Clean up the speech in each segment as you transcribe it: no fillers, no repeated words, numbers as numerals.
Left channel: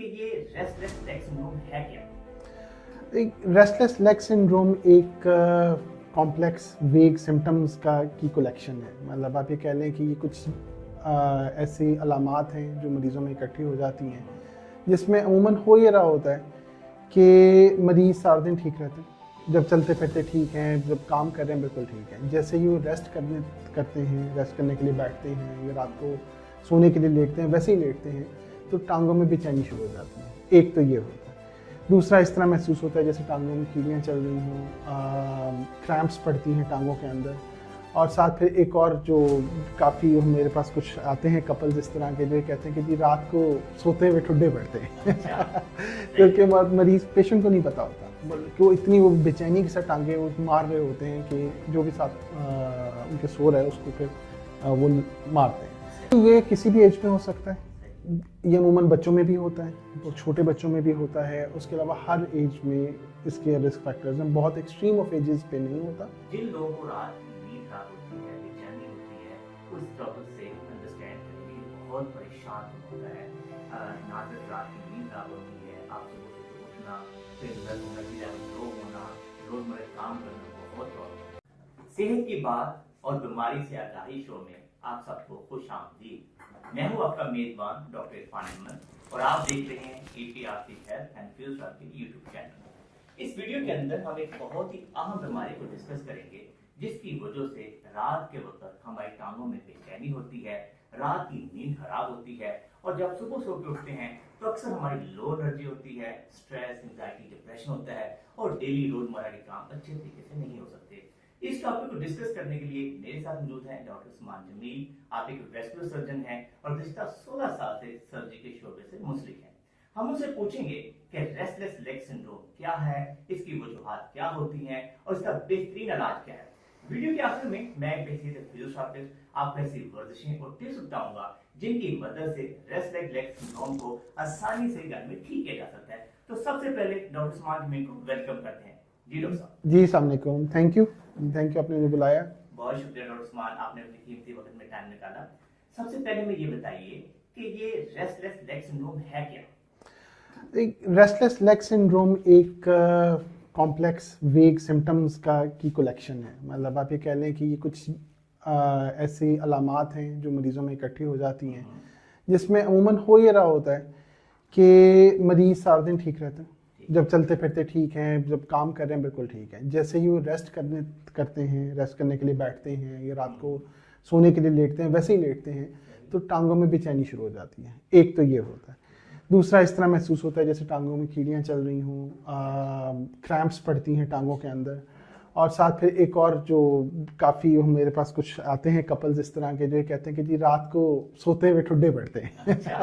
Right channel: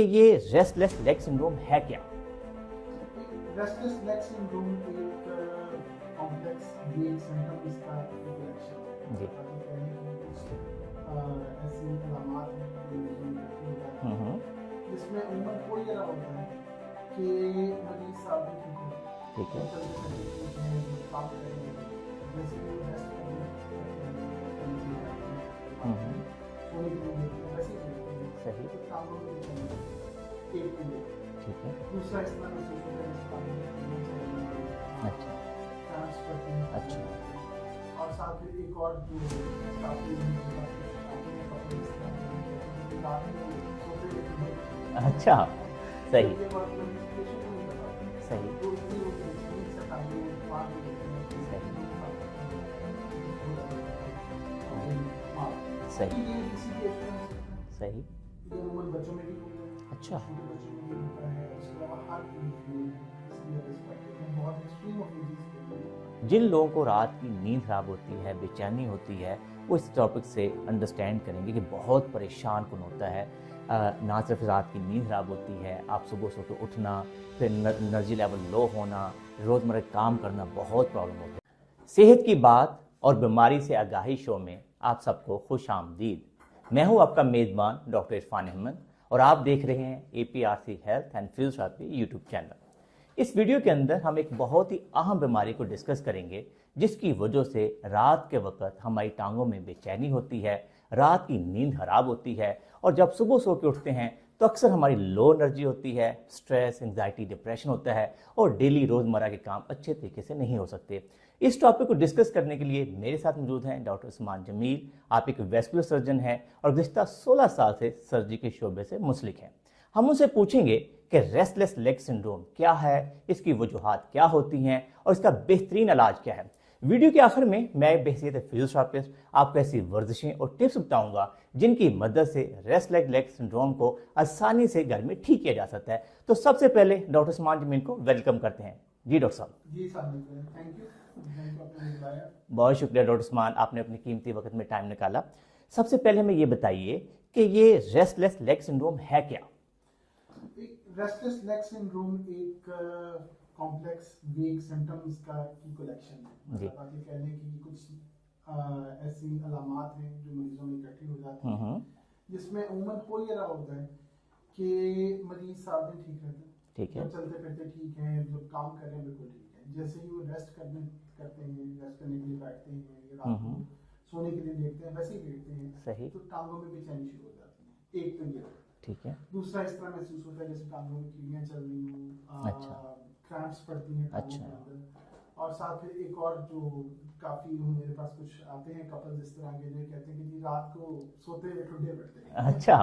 ये restless leg syndrome है क्या? रेस्टलेस लेग सिंड्रोम एक कॉम्प्लेक्स वेग सिम्टम्स की कलेक्शन है। मतलब आप ये कह लें कि ये कुछ ऐसी अलामात हैं जो मरीज़ों में इकट्ठी हो जाती हैं, जिसमें अमूमन हो ये रहा होता है कि मरीज़ सारा दिन ठीक रहते हैं, जब चलते फिरते ठीक हैं, जब काम कर रहे हैं बिल्कुल ठीक है। जैसे ही वो करते हैं, रेस्ट करने के लिए बैठते हैं या रात को सोने के लिए लेटते हैं, वैसे ही लेटते हैं तो टांगों में बेचैनी शुरू हो जाती है। एक तो ये होता है। दूसरा इस तरह महसूस होता है जैसे टांगों में कीड़ियाँ चल रही हों, क्रैम्प्स पड़ती हैं टांगों के अंदर। और साथ फिर एक और जो काफ़ी मेरे पास कुछ आते हैं कपल जिस तरह के, जो कहते हैं कि जी रात को सोते हुए ठुड्डे पड़ते हैं। अच्छा। क्योंकि मरीज़ पेशेंट को नहीं पता होता कि वो इतनी वो बेचैनी के साथ टांगे वो मार रहे होते हैं कि जो भी साथ उनके सो रहा है उसको फिर वो मारते हैं। तो ये किसी भी एज में हो सकता है। सही। ये अमूमन बच्चों में भी होता है, अच्छा। छोटे बच्चों में भी होता है। उसके अलावा हर एज में इसके रिस्क फैक्टर्स हैं, बहुत एक्सट्रीम ऑफ एजेस पे नहीं होता। जिन लोगों को रात की नींद खराब होती है, बेचैनी होती है, वो इस टॉपिक से अंडरस्टैंड करेंगे कि बहुत परेशान कौन होता है। ना सिर्फ रात की नींद खराब होती है, आप सुबह सोते उठना, फिर एनर्जी लेवल लो होना, रोज़मर्रा काम करना बहुत प्रॉब्लम होता है। सेहत की बात और बीमारी से आगाही शो में आप सबको खुश आमदीद। मैं हूं आपका मेज़बान डॉक्टर इरफान अहमद और आप देख रहे हैं APRC health and physiotherapy YouTube channel. इस वीडियो के अंदर हम एक बहुत ही अहम बीमारी को डिस्कस करेंगे, जिसकी वजह से रात के वक्त हमारी टांगों में बेचैनी होती है, रात की नींद खराब होती है और जब सुबह सो के उठते हैं तो अक्सर हमारी लो एनर्जी होती है, स्ट्रेस, एंजाइटी, डिप्रेशन होता है और डेली रोज़मर्रा के काम अच्छे तरीके से नहीं हो सकते। इस टॉपिक को डिस्कस करने के लिए मेरे साथ मौजूद हैं डॉक्टर उस्मान जमील। आप एक वेस्कुलर सर्जन हैं और गुज़िश्ता 16 साल से सर्जरी के शोबे से मुंसलिक हैं। हम उनसे पूछेंगे कि रेस्टलेस लेग सिंड्रोम क्या है, इसकी वजूहात क्या होती हैं और इसका बेहतरीन इलाज क्या है। वीडियो के आखिर में मैं बहसीत फिजियोथेरेपिस्ट आपको ऐसी वर्जिशें और टिप्स बताऊंगा जिनकी मदद से रेस्टलेस लेग सिंड्रोम को आसानी से घर में ठीक किया जा सकता है। तो सबसे पहले डॉक्टर उस्मान जमील को वेलकम करते हैं। जी डॉक्टर साहब। जी अस्सलाम वालेकुम, थैंक यू आपने मुझे बुलाया। बहुत शुक्रिया डॉक्टर उस्मान, आपने अपने कीमती वक्त में टाइम निकाला। सबसे पहले हमें ये बताइए कि ये रेस्टलेस लेग सिंड्रोम है क्या? रेस्टलेस लेग सिंड्रोम एक कॉम्प्लेक्स वेग सिम्टम्स की कलेक्शन है। मतलब आप ये कह लें कि ये कुछ ऐसी अलामात हैं जो मरीज़ों में इकट्ठी हो जाती हैं, जिसमें अमूमन हो ये रहा होता है कि मरीज़ सारा दिन ठीक रहते हैं, जब चलते फिरते ठीक हैं, जब काम कर रहे हैं बिल्कुल ठीक है। जैसे ही वो करते हैं, रेस्ट करने के लिए बैठते हैं या रात को सोने के लिए लेटते हैं, वैसे ही लेटते हैं तो टांगों में बेचैनी शुरू हो जाती है। एक तो ये होता है। दूसरा इस तरह महसूस होता है जैसे टांगों में कीड़ियाँ चल रही हों, क्रैम्प्स पड़ती हैं टांगों के अंदर। और साथ फिर एक और जो काफ़ी मेरे पास कुछ आते हैं कपल्स इस तरह के, जो कहते हैं कि जी रात को सोते हुए ठुड्डे पड़ते हैं। अच्छा।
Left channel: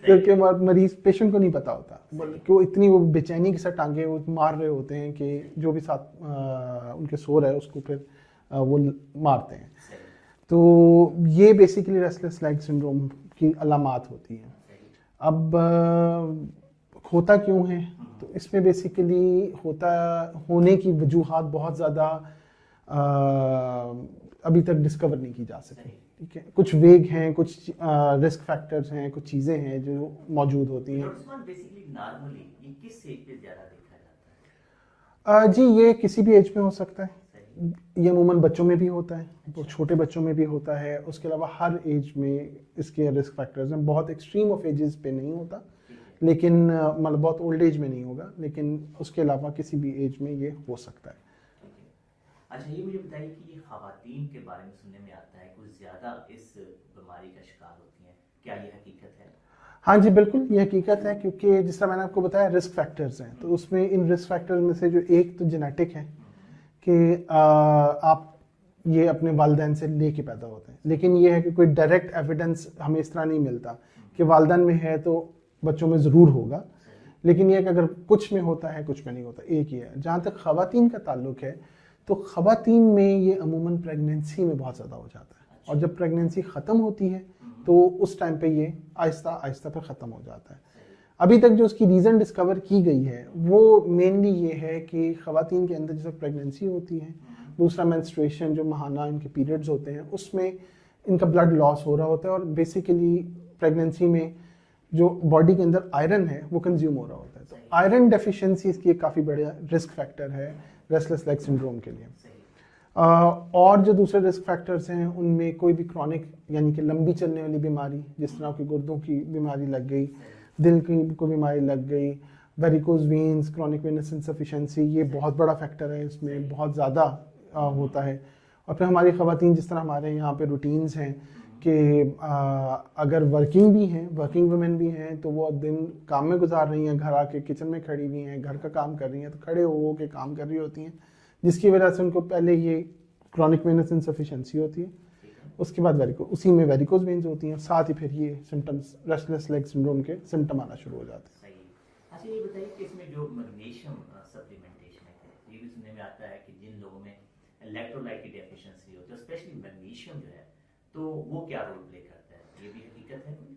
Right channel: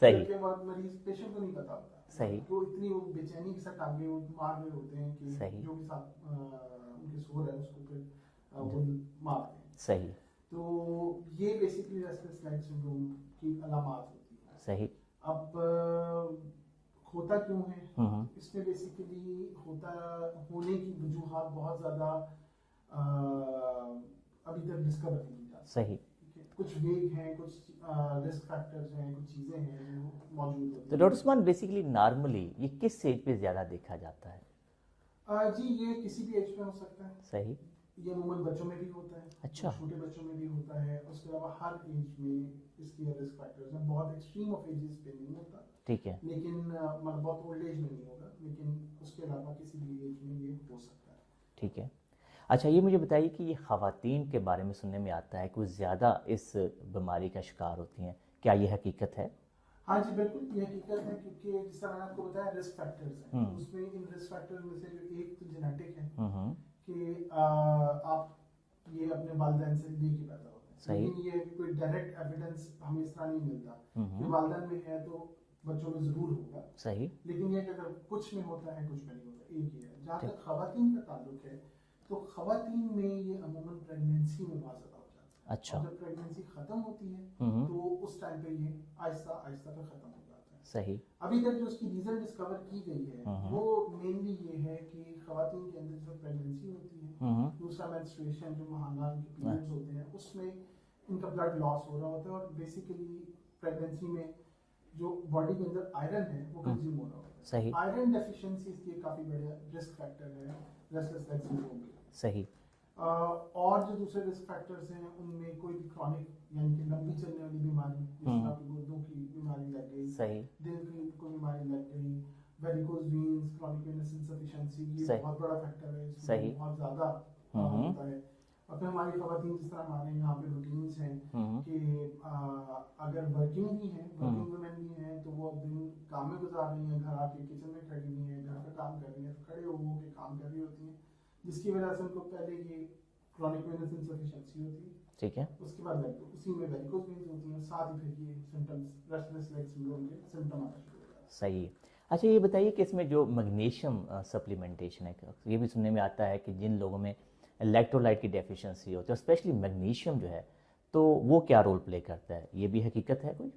क्योंकि मरीज़ पेशेंट को नहीं पता होता कि वो इतनी वो बेचैनी के साथ टांगे वो मार रहे होते हैं कि जो भी साथ उनके सो रहा है उसको फिर वो मारते हैं। सही। तो ये बेसिकली रेस्टलेस लेग सिंड्रोम की अलामात होती हैं। सही। अब होता क्यों है, तो इसमें बेसिकली होने की वजूहात बहुत ज़्यादा अभी तक डिस्कवर नहीं की जा सकी। ठीक है, कुछ वेग हैं, कुछ रिस्क फैक्टर्स हैं, कुछ चीज़ें हैं जो मौजूद होती हैं। डॉक्टर उस्मान, बेसिकली नॉर्मली ये किस एज पे ज़्यादा देखा जाता है? जी ये किसी भी एज में हो सकता है। सही। ये अमूमन बच्चों में भी होता है। अच्छा। छोटे बच्चों में भी होता है। उसके अलावा हर एज में इसके रिस्क फैक्टर्स हैं। बहुत एक्सट्रीम ऑफ एजेस पे नहीं होता, ठीक है, लेकिन मतलब बहुत ओल्ड एज में नहीं होगा, लेकिन उसके अलावा किसी भी एज में ये हो सकता है। ठीक है। अच्छा, ये मुझे बताइए कि ये ख़वातीन के बारे में सुनने में आता है कुछ ज़्यादा इस बीमारी का शिकार होती हैं, क्या ये हकीकत है? हाँ जी बिल्कुल, ये हकीकत है। क्योंकि जिस तरह मैंने आपको बताया रिस्क फैक्टर्स हैं, तो उसमें इन रिस्क फैक्टर्स में से जो एक तो जेनेटिक है कि आप ये अपने वालिदैन से लेके पैदा होते हैं। लेकिन ये है कि कोई डायरेक्ट एविडेंस हमें इस तरह नहीं मिलता कि वालिदैन में है तो बच्चों में ज़रूर होगा। सही। लेकिन ये है कि अगर कुछ में होता है कुछ में नहीं होता, एक ही है। जहाँ तक ख़वातीन का ताल्लुक है तो ख़वातीन में ये अमूमन प्रेगनेंसी में बहुत ज़्यादा हो जाता है। अच्छा। और जब प्रेगनेंसी ख़त्म होती है तो उस टाइम पे ये आहिस्ता आहिस्ता फिर ख़त्म हो जाता है। सही। अभी तक जो उसकी रीज़न डिस्कवर की गई है वो मेनली ये है कि ख़वातीन के अंदर जैसे प्रेगनेंसी होती है, दूसरा मेंस्ट्रुएशन जो माहाना इनके पीरियड्स होते हैं उसमें इनका ब्लड लॉस हो रहा होता है। और बेसिकली प्रेगनेंसी में जो बॉडी के अंदर आयरन है वो कंज्यूम हो रहा होता है। सही। आयरन डेफिशिएंसी इसकी एक काफ़ी बड़ा रिस्क फैक्टर है रेस्टलेस लेग सिंड्रोम के लिए। सही। और जो दूसरे रिस्क फैक्टर्स हैं उनमें कोई भी क्रॉनिक यानी कि लंबी चलने वाली बीमारी, जिस तरह की गुर्दों की बीमारी लग गई, दिल की कोई बीमारी लग गई, varicose veins, chronic venous insufficiency, ये बहुत बड़ा फैक्टर है, इसमें बहुत ज़्यादा होता है। और फिर हमारी ख़वातीन, जिस तरह हमारे यहाँ पे रूटीन्स हैं कि अगर वर्किंग भी हैं, वर्किंग वुमेन भी हैं, तो वो दिन काम में गुजार रही हैं, घर आके किचन में खड़ी हुई हैं, घर का काम कर रही हैं, तो खड़े हो के काम कर रही होती हैं, जिसकी वजह से उनको पहले ये क्रॉनिक वेनस इनसफिशिएंसी होती है, ठीक है, उसके बाद उसी में वेरिकोज वेन्स होती हैं, साथ ही फिर ये सिम्टम्स रेस्टलेस लेग सिंड्रोम के सिम्टम आना शुरू हो जाते हैं। सही। अच्छा, ये बताइए कि इसमें जो मैग्नीशियम सप्लीमेंटेशन है, ये भी सुनने में आता है कि जिन लोगों में इलेक्ट्रोलाइट की डेफिशिएंसी होती है, स्पेशली मैग्नीशियम जो है, तो वो क्या रोल प्ले करता है, ये भी हकीकत है कोई?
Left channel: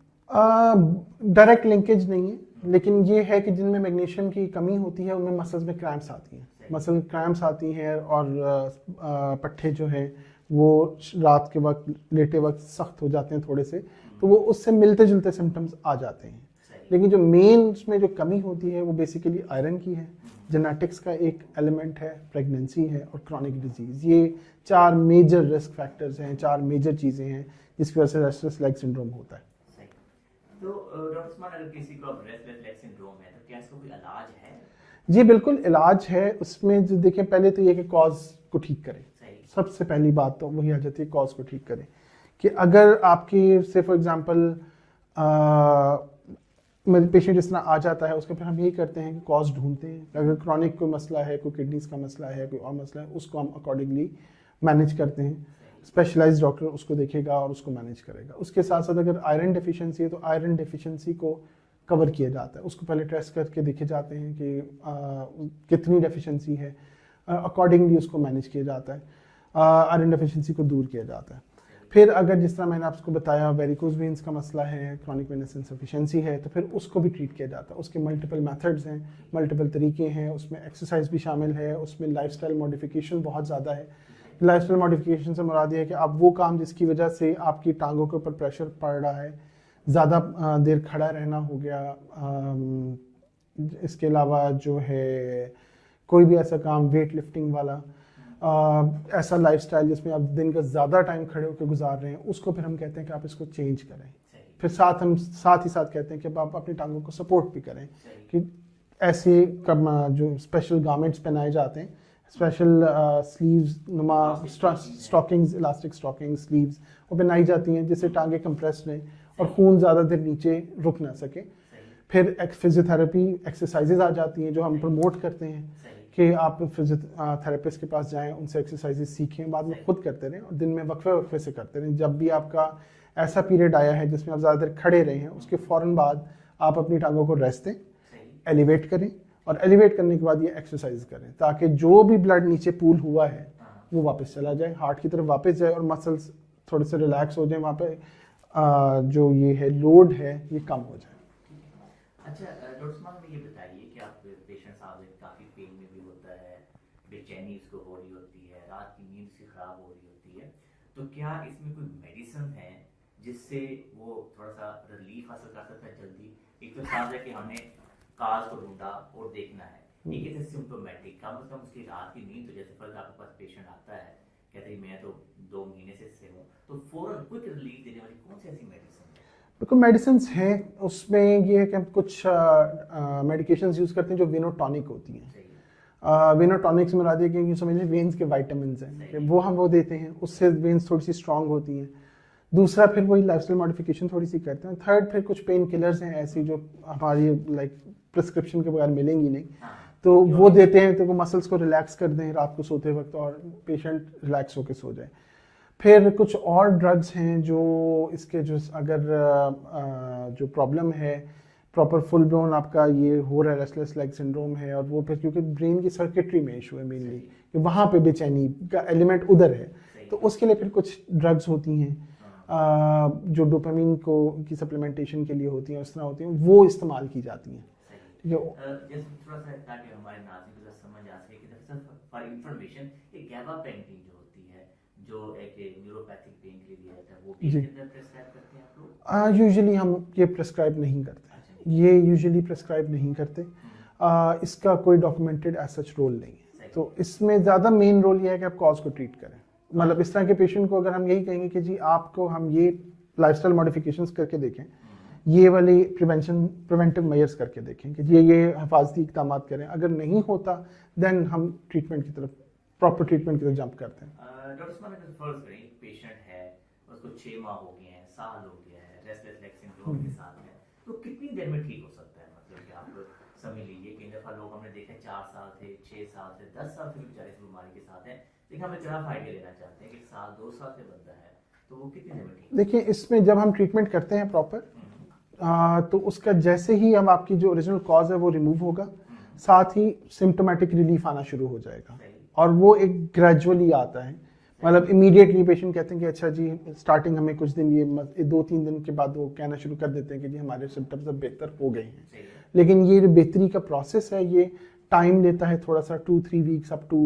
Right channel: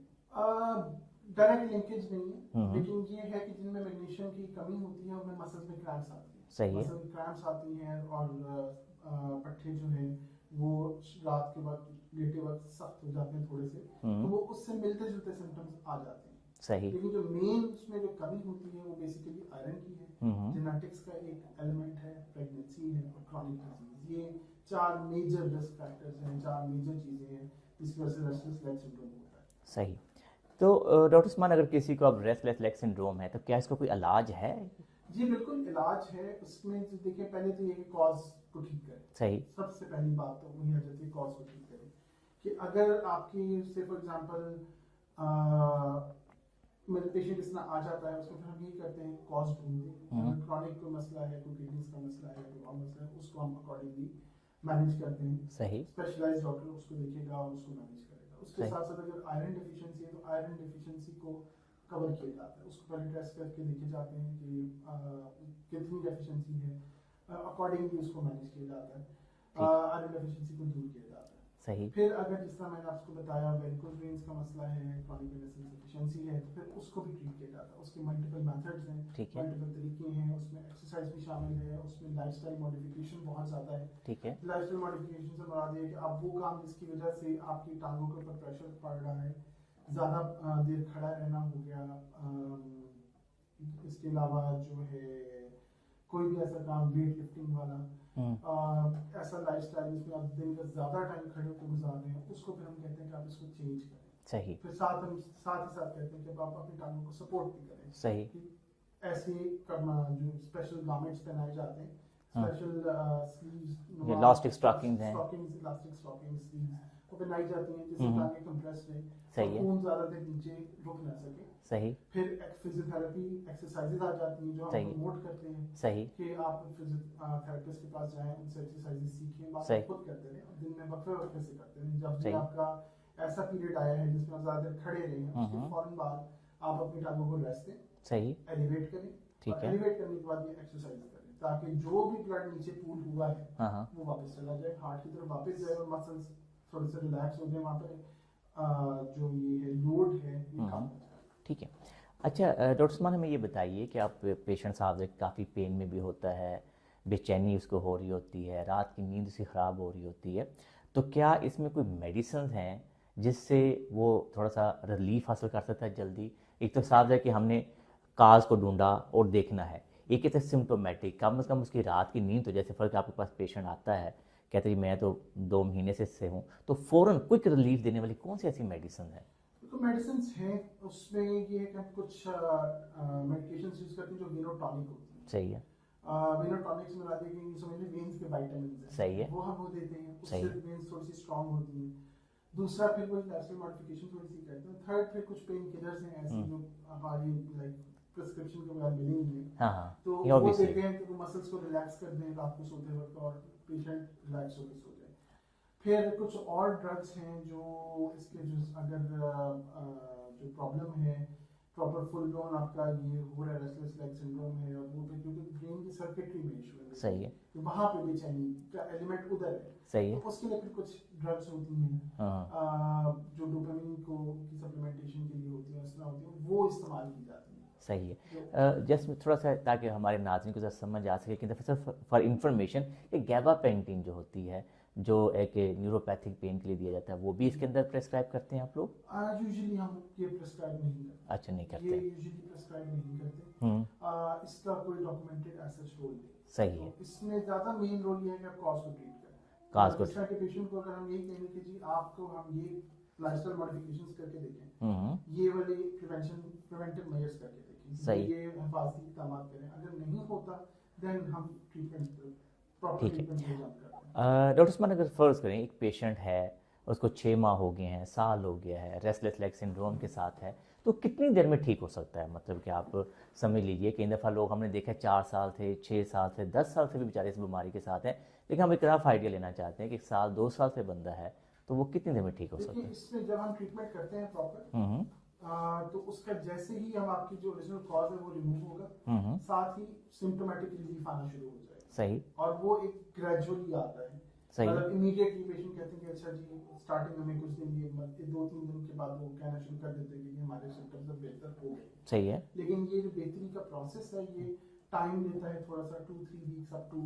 डायरेक्ट लिंकेज नहीं है, लेकिन ये है कि जिनमें मैग्नीशियम की कमी होती है उनमें मसल्स में क्रैम्प्स आती हैं, मसल क्रैम्प्स आती हैं, और पट्टे जो है वो रात के वक्त लेटे वक्त सख्त हो जाते हैं थोड़े से, तो वो उससे मिलते जुलते सिम्टम्स आ जाते हैं। सही। लेकिन जो मेन उसमें जो कमी होती है वो बेसिकली आयरन की है, जेनेटिक्स का एक एलिमेंट है, प्रेगनेंसी है और क्रॉनिक डिजीज। ये 4 मेजर रिस्क फैक्टर्स हैं, 4 मेजर चीज़ें हैं जिसकी वजह से रेस्टलेस लेग सिंड्रोम होता है। सही। तो डॉक्टर उस्मान, अगर किसी को अब रेस्टलेस लेग सिंड्रोम है तो क्या इसका कोई इलाज है? जी बिल्कुल, इलाज है। उसमें जो देखें, पहले तो ये कि कॉज को ठीक करें। सही। सबसे पहली बात तो वही आ जाती है, कॉज को ठीक करें। कि अगर आपकी से फॉर एग्जांपल पेशेंट इस तरह आ जाता है, उसके फिर हम यही करते हैं कि कॉज ढूंढते हैं। अगर क्रॉनिक कोई मसला है, कोई किडनीज का मसला है, कोई और मसला है, उसको हम अकॉर्डिंगली मैनेज करते हैं। स्पेशलाइज्ड डॉक्टर उसको देखेगा और उसको मैनेज करेगा। उसके साथ साथ अगर आयरन डेफिशिएंसी है तो आयरन डेफिशिएंसी को कवर किया जाता है, उसको पहले टेस्ट करके देखे जाते हैं कि कितनी डेफिशिएंसी है, अकॉर्डिंगली उसको मैनेज किया जाता है, आयरन डेफिशिएंसी को दूर किया जाता है। फिर अगर जिस तरह मैंने आपको बताया वेरिकोज वेन्स का मसला है, क्रॉनिक वेनस इनसफिशिएंसी है, तो फिर उसको भी ट्रीट किया जाता है। उसके मल्टीपल मेथड्स हैं, मल्टीपल तरीके हैं, उसमें एक्सरसाइज भी शामिल है, उसमें लाइफस्टाइल मॉडिफिकेशन बहुत ज़्यादा है। लाइफस्टाइल मॉडिफिकेशन से मुराद ये है कि अब वो काम जिसकी वजह से आपकी टांगों के ऊपर प्रेशर पड़ रहा है, ज़्यादा देर खड़ा रहना हो गया, इसके अलावा जो है कोई भी ऐसा काम वेट लिफ्टिंग वाला, ऐसा लाइफस्टाइल जिसमें आप दिन का ज़्यादा टाइम खड़े होकर गुजार रहे हैं, उसको फिर हम कहते हैं कि आप इसको चेंज करें। सही। फिर हम साथ ही साथ कहते हैं कि आप अपनी टांगों को सपोर्ट भी करें। सही। कि ऐसे जो स्पेशल गारमेंट्स पहनाए जाते हैं, स्पेशल स्लीव्स नुमा स्टॉकिंग्स, इलास्टिक स्टॉकिंग स्लीव्स वो पहनाई जाती हैं जिससे टांगे कंप्रेस रहें और खून ज़्यादा देर नीचे रुक ना सके। सही। फिर फिजियोथेरेपी एक्सरसाइजेज आ जाती हैं जो हम प्रमोट करते हैं। सही। कि आप फिजियोथेरेपिस्ट के पास जाएं, उनसे एक्सरसाइजेज सीखें, बाद में खुद करते रहें और दिन में वक्फे से करते रहें। जब भी आपका ऐसा पीरियड आया है जिसमें आप ज़्यादा देर खड़े रहे हैं, उसके फ़ौरन बाद आप अपनी टांगों को रेस्ट दें। सही। एलिवेट करें और एलिवेट करने के बाद ये एक्सरसाइज करें ताकि जो भी ब्लड नीचे पूल हुआ है वो वापस चला जाए, हार्ट की तरफ वापस जाए और मसल्स थोड़े से रिलैक्स हो जाए, वहाँ पे जो ये है लोड है ये कम हो जाए। ठीक है। अच्छा डॉक्टर उस्मान, हमें ये बताइए कि आप पेशेंट साहब काफ़ी पेन में भी होता है, बेचैनी उसको हो रही होती है, रात की नींद से ख़राब हो रही होती है, तो क्या इसमें कोई मेडिसिन हैं जिससे वो थोड़ा सा रिलीफ हासिल कर सकता है जल्दी? एक तो साफ है कि हमने काज को ढूंढा और देखना है, एक है सिम्टोमेटिक, कम से कम उसकी रात की नींद, तो जैसे फर्क आपके पास पेशेंट आता है कहते हैं मैं तो 2 महीने से हूँ, तो फ़ौरन क्विक रिलीफ देने वाली कौन सी ऐसी मेडिसिन है? बिल्कुल मेडिसिन हैं, उसमें ये है कि हम कुछ मेडिकेशंस यूज़ करते हैं जो वेनोटॉनिक होती हैं। सही है। वेनोटॉनिक से मुराद है कि समझ लें वेन्स के विटामिन्स हैं, वो हम वो देते हैं, उससे वेन्स थोड़ी सी स्ट्रांग होती हैं। दूसरा फिर वही लाइफस्टाइल मॉडिफिकेशन थोड़ी सी करते हैं। थर्ड फिर कुछ पेन किलर्स हैं ऐसी जो हमारी लाइक प्रिस्क्रिप्शन के बगैर मिलेंगी नहीं। तो वो देते हैं तो वो मसल्स को रिलैक्स कर दें रात को सोते वक्त और पेशेंट रिलैक्स होकर सो जाए। फिर कुछ और ड्रग्स हैं जो इसके जो अगर जो प्रॉब्लम है प्रॉपर फुल ब्लोन आपका ये हो रहा है रेस्टलेस लेग सिंड्रोम है, और वो फिर क्योंकि ब्रेन की सर्किटरी में इशू है मेनली कि वहाँ पे बेचैनी का एलिमेंट उधर है, तो उसके लिए फिर कुछ ड्रग्स होती हैं जो डोपामिन को की सप्लीमेंटेशन के लिए होती हैं, उस तरह होती हैं, वो इस्तेमाल की जाती हैं। सही है। जस्ट थोड़ा सा ताकि हमारे नाज़रीन को समझ आ सके कि फॉर इंफॉर्मेशन, ये गैबापेंटिन जो होती है जो एक न्यूरोपैथिक पेन के लिए दिया जाता है, वो भी इसके अंदर प्रेस्क्राइब करते हैं आप लोग? यूजुअली हम ये प्रेस्क्राइब नहीं करते। अच्छा, नहीं करते। ये यूजुअली प्रेस्क्राइब नहीं करते। इसका कोई डॉक्यूमेंटेड एज सच रोल नहीं है। सही तो इसमें ज़्यादा मेन रोल ये है कि आप कॉज को ट्रीट करें। मतलब इस तरह के पेशेंट को अगर हम यही कहेंगे कि जी आपको हम ये लाइफस्टाइल मॉडिफिकेशंस करके देखें, ये वाली प्रिवेंटिव मेजर्स करके देखें कि ये हिफाजती इक़दाम करें, अगर नहीं होता देन हम ट्रीटमेंट की तरफ, प्रॉपर ट्रीटमेंट की तरफ जंप करते हैं। डॉक्टर उस्मान, अगर फ़र्ज़ करें एक पेशेंट है, उसको 6 माह हो गए हैं, साल हो गया है, रेस्टलेस लेग सिंड्रोम के साथ है, तो कितनी देर में ठीक हो सकता है? मतलब कि आप समझ लीजिए कई दफ़ा लोग हमने देखा 4 साल थे, 6 साल थे, 10 साल से भी बेचारे इस बीमारी के साथ हैं, लेकिन हम एक रफ आइडिया लेना चाहते हैं कि 1 साल 2 साल से बंदा है, तो वो कितनी देर में ठीक हो सकता है? देखिए, इसमें जब हम ट्रीटमेंट करते हैं प्रॉपर, तो उसका जैसे ही हम आपकी जो ओरिजिनल कॉज है वो रिमूव होगा, साथ ही सिम्टोमेटिक रिलीफ आना शुरू हो जाएगा। सही। और वो एक ग्रेजुअली आता है, मतलब इमीडिएटली पेशेंट कहते हैं कि अच्छा जी स्टार्टिंग हमें कुछ दिन, ये 2-3 दिन के बाद वो कहना शुरू कर देते हैं कि जी हमारे सिम्टम्स अब बेहतर हो गए हैं। सही है। लेकिन ये जो बेहतरी का प्रोसेस है, ये टाइम लेता है थोड़ा सा, 2-3 weeks up to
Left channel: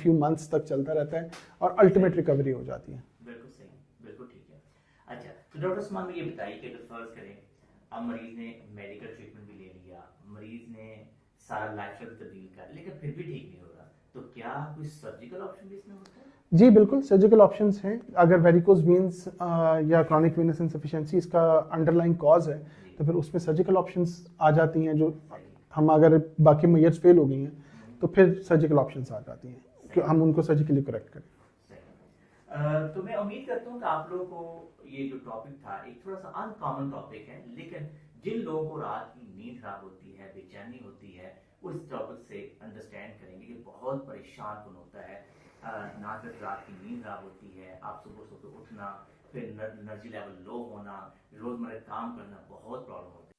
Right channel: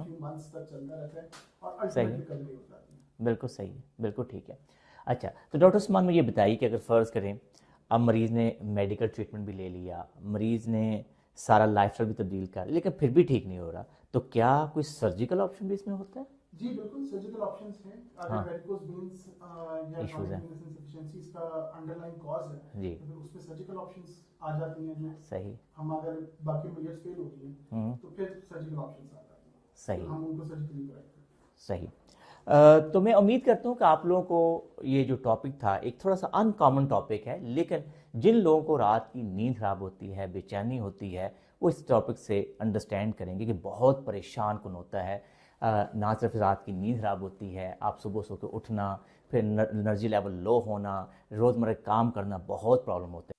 few months तक चलता रहता है और अल्टीमेट रिकवरी हो जाती है। बिल्कुल सही, बिल्कुल ठीक है। अच्छा, तो डॉक्टर उस्मान मुझे बताइए कि अगर फ़र्ज़ करें अब मरीज़ ने मेडिकल ट्रीटमेंट भी ले लिया, मरीज़ ने सारा लाइफस्टाइल भी तब्दील कर, लेकिन फिर भी ठीक नहीं हो रहा, तो क्या कोई सर्जिकल ऑप्शन भी इसमें होता है? जी बिल्कुल, सर्जिकल ऑप्शंस हैं। अगर वेरिकोज वेन्स या क्रॉनिक वेनस इनसफिशिएंसी इसका अंडरलाइन कॉज है, तो फिर उसमें सर्जिकल ऑप्शंस आ जाती हैं। जो सही। हम अगर बाकी मेजर्स फेल हो गई हैं तो फिर सर्जिकल ऑप्शंस आ जाती हैं कि हम उनको सर्जिकली करेक्ट करें। सही। तो मैं उम्मीद करता हूँ कि आप लोगों को ये जो टॉपिक था एक थोड़ा सा अनकॉमन टॉपिक है, लेकिन जिन लोगों को रात की नींद खराब होती है, बेचैनी होती है, वो इस टॉपिक से अंडरस्टैंड करेंगे कि बहुत परेशान कौन होता है। ना सिर्फ रात की नींद खराब होती है, आप सुबह सो के उठना, फिर एनर्जी लेवल लो होना, रोज़मर्रा काम करना बहुत प्रॉब्लम होता है।